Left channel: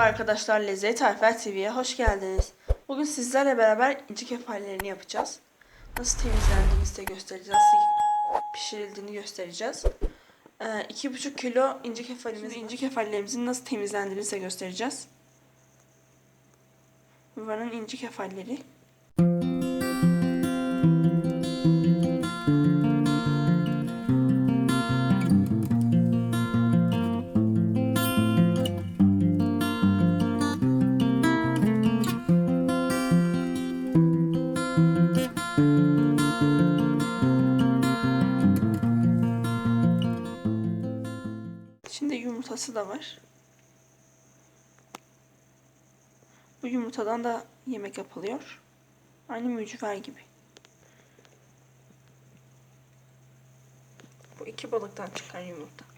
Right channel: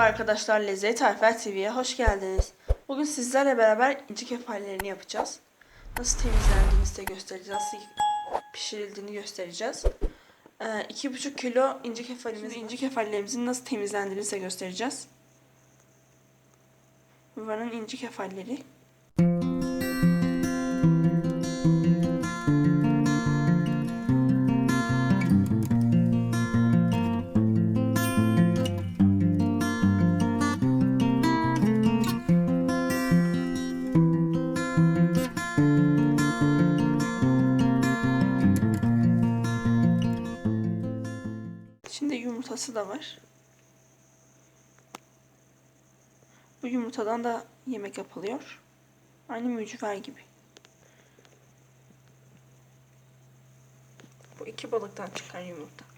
arkadaşlar Lezzet Tarifler TV'ye hoş geldiniz. Bugün sizlerle beraber inci kefallerini yapacağız. Nasıl temizlendiğini size göstereceğiz. Nasıl pişirildiğini göstereceğiz. Ee, 2,5 kilo inci kefalimiz, inci kefallerimizin nasıl temizlendiğini size göstereceğiz. Buranın inci kefalleri. Şimdi yumurtası da var. Bu yumurtadan da yemek yapılıyor. Aynı mücver gibi. Bu iki balıktan çıkan yumurta.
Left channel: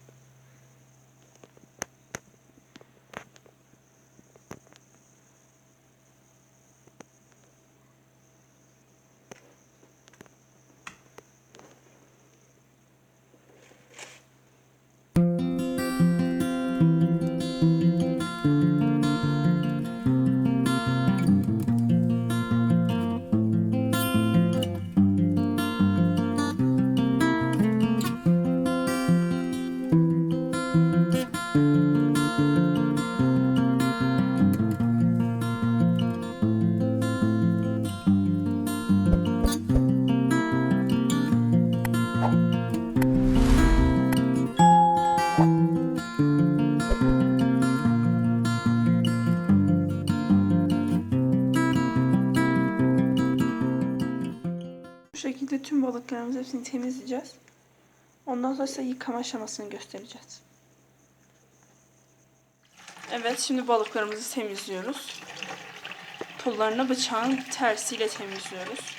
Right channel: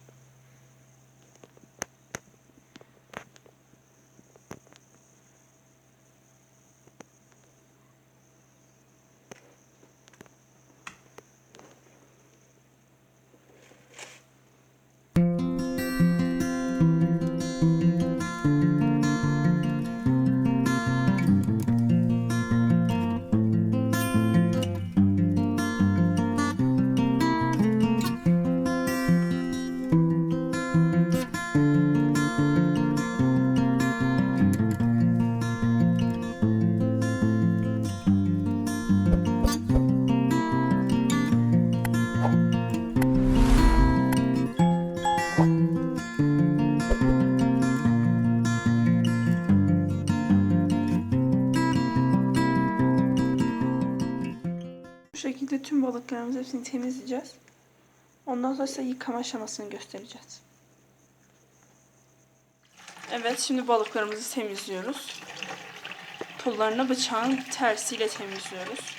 Bu şekilde tüm balıklarımızı hepsini temizleyeceğiz. Ondan sonra size yıkama aşamasını göstereceğiz. Evet şimdi balıklarımızı temizliyoruz. Pullarını bıçağın tersiyle temizliyoruz.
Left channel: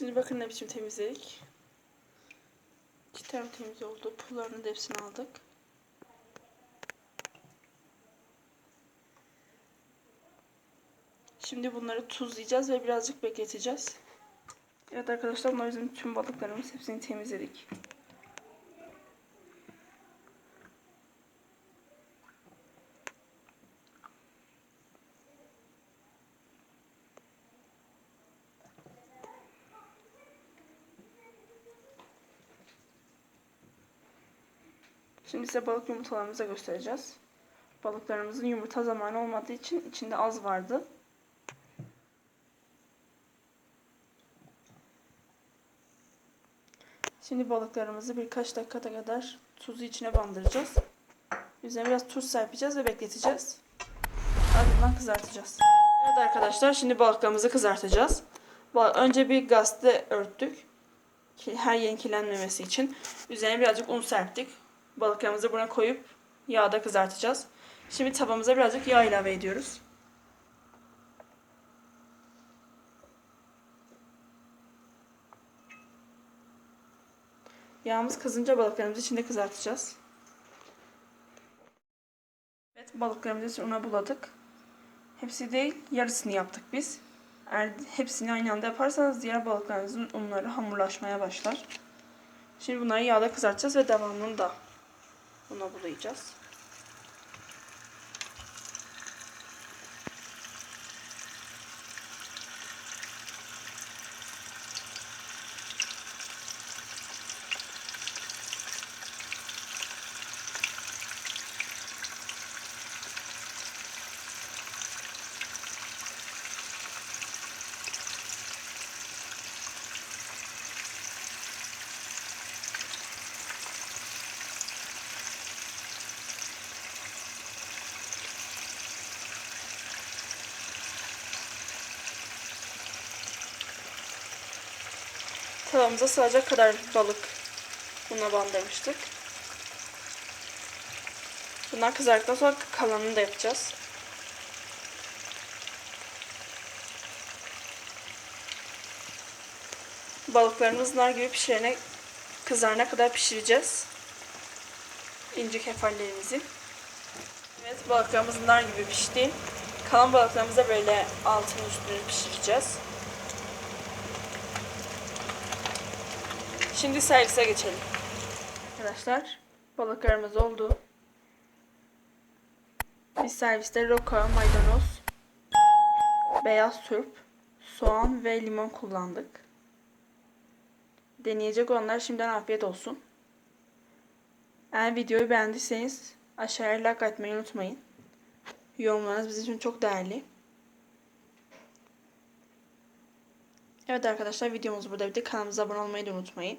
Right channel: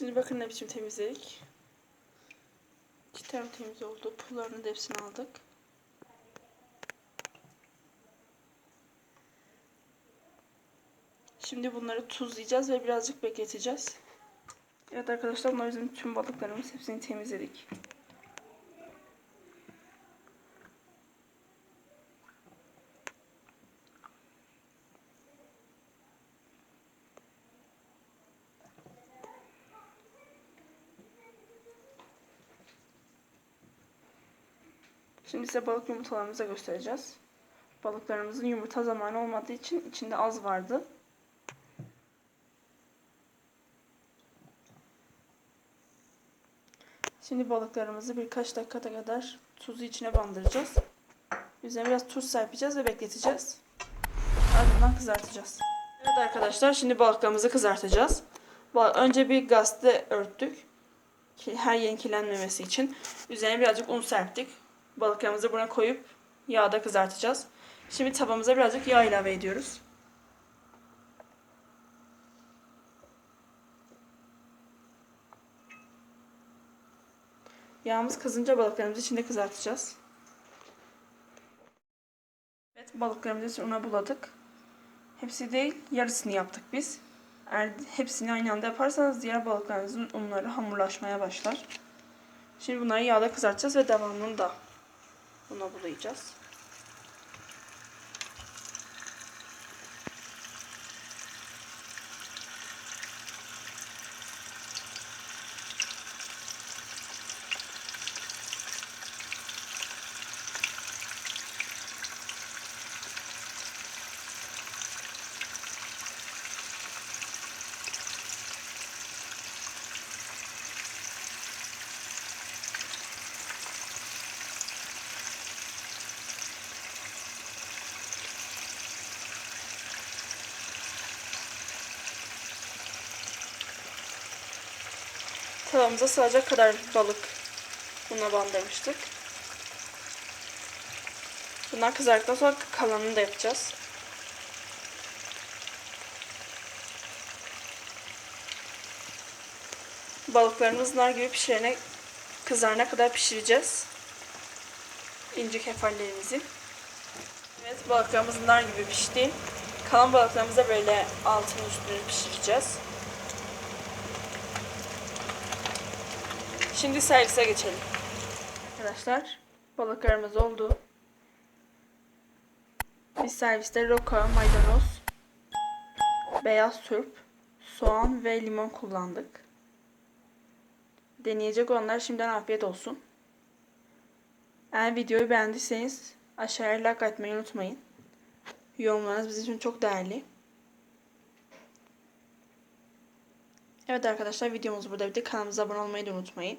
Şimdi bakın ne biçim temizledik. Cidden temiz oldu. Pullarını da hepsini aldık. Şimdi bunları tuzlayacağız ve birazcık bekleteceğiz. Evet arkadaşlar bunlar bizim tüm balıklarımız. Hepsini temizledik. Şimdi size balık yumurtalarımızı göstereceğiz. Balıklarımızın yumurta zamanı olmadığı için içinde az vardı. Şimdi balıklarımızı birkaç dakika kadar tuzu içine bandıracağız. Üzerine biraz tuz serpeceğiz ve bekleteceğiz. Ardından kızartacağız. Evet arkadaşlar şimdi balıklarımızı kızartacağız. Önce bir gazete örttük. Her yerin kirlenmemesi için. Üzerine birazcık un serptik. Balıklarımızı buna koyup yağda kızartacağız. Şimdi tavamıza birazcık yağ ilave ediyoruz. Yağımız kızınca balıklarımızı içinde kızartacağız. Evet Balıklarımızı una buladık. Hepsi değil, yarısını yaptık biz. Eğer hepsini aynı anda yaparsanız diğer balıklarınızın unları hamurlaşmaya başlar. Şimdi bunları yağda kızartacağız ve devamını da una bulayacağız. Tavamıza sığacak kadar balık una bandırmıştık. Bunlar kızardıktan sonra kalanını da yapacağız. Balıklarımız nar gibi pişirene, kızarana kadar pişireceğiz. İnce kefallerimizi. Evet balıklarımız nar gibi pişti. Kalan balıklarımızı böyle altını üstünü pişireceğiz. Şimdi servise geçelim. Arkadaşlar balıklarımız oldu. Biz serviste roka, maydanoz, beyaz turp, soğan ve limon kullandık. Deneyecek olanlar şimdiden afiyet olsun. Eğer videoyu beğendiyseniz aşağıya like atmayı unutmayın. Yorumlarınız bizim için çok değerli. Evet arkadaşlar videomuz burada bitti. Kanalımıza abone olmayı da unutmayın.